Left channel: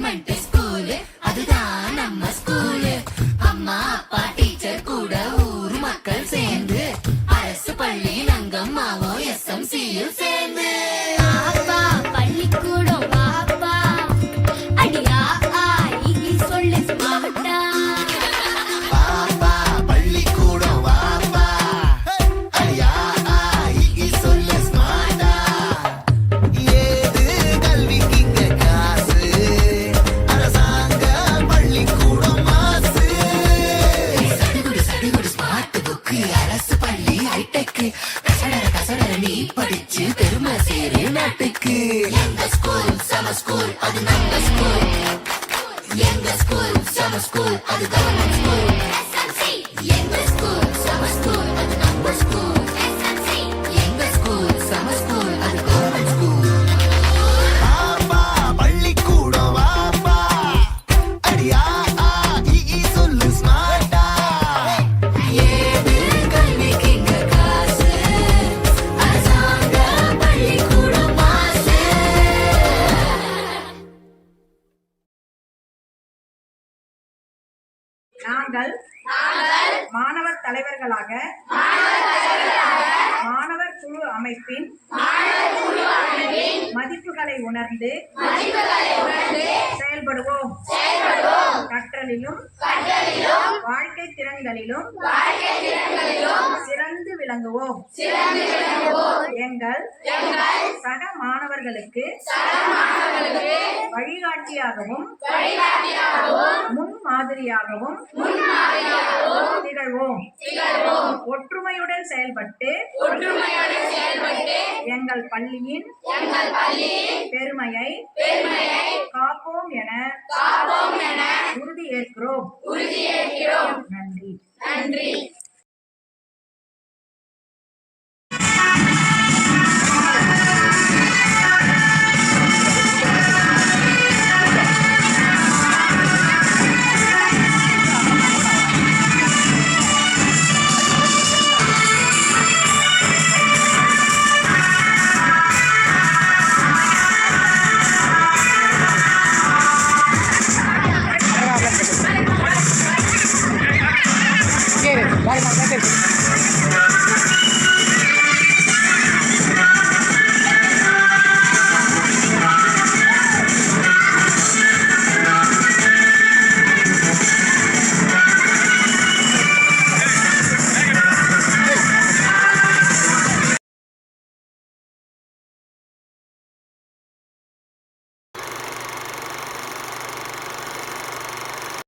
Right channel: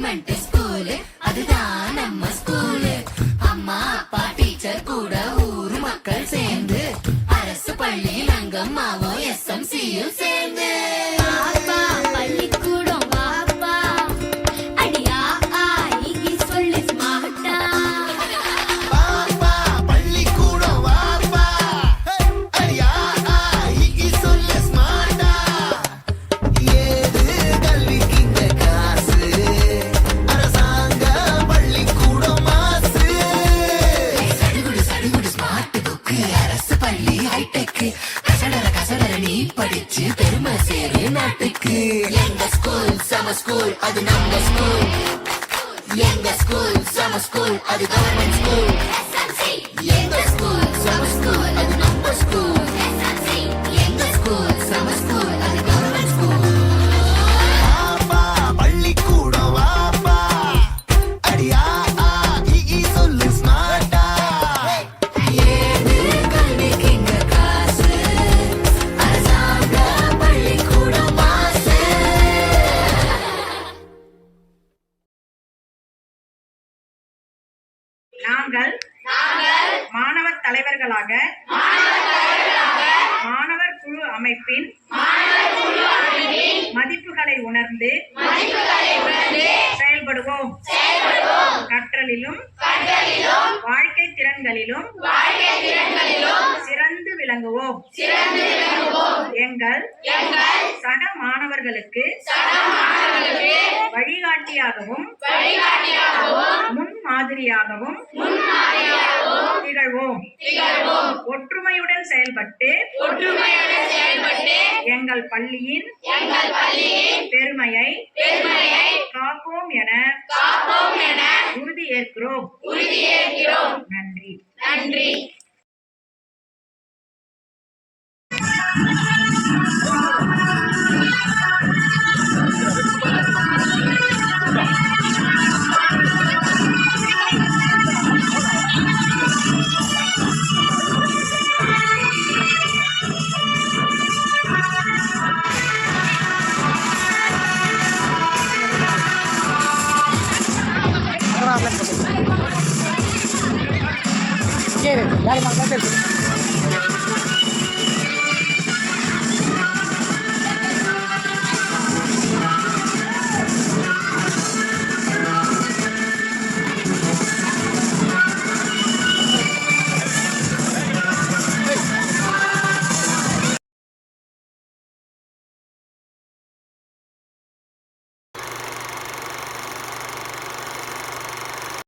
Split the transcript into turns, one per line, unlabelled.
Government school அதுதான் நம்ம school அம்மா அப்பா டீச்சர் கூட ஊரு மக்கள் சேர்ந்து அரசு பள்ளியில் அங்கம்மாவோ எஸ் எம் சியும் சேர்ந்து. எங்க ஸ்கூல் சம ஸ்கூல் அது நம்ம ஸ்கூல் எங்க ஸ்கூல் சம ஸ்கூல் அது கவர்மெண்ட்
நாங்கள் மாணவர் தலைவர்களாக மாணவர் குழு அமைப்பின் மதிப்புகளை உணர்ந்து செயல்படுவோம். கற்றலிலும் வாழ்க்கை திறன்களிலும் சிறந்து விளங்குவோம். எங்கள் சக மாணவர்களுக்கு வழிகாட்டியாகவும் முன் மாதிரியாகவும் திகழ்வோம். ஒற்றுமையுடன் செயல்பட்டு எங்கள் பள்ளியின் பெருமையை காப்போம் என உறுதி ஏற்கிறோம் நன்றி.
Yes.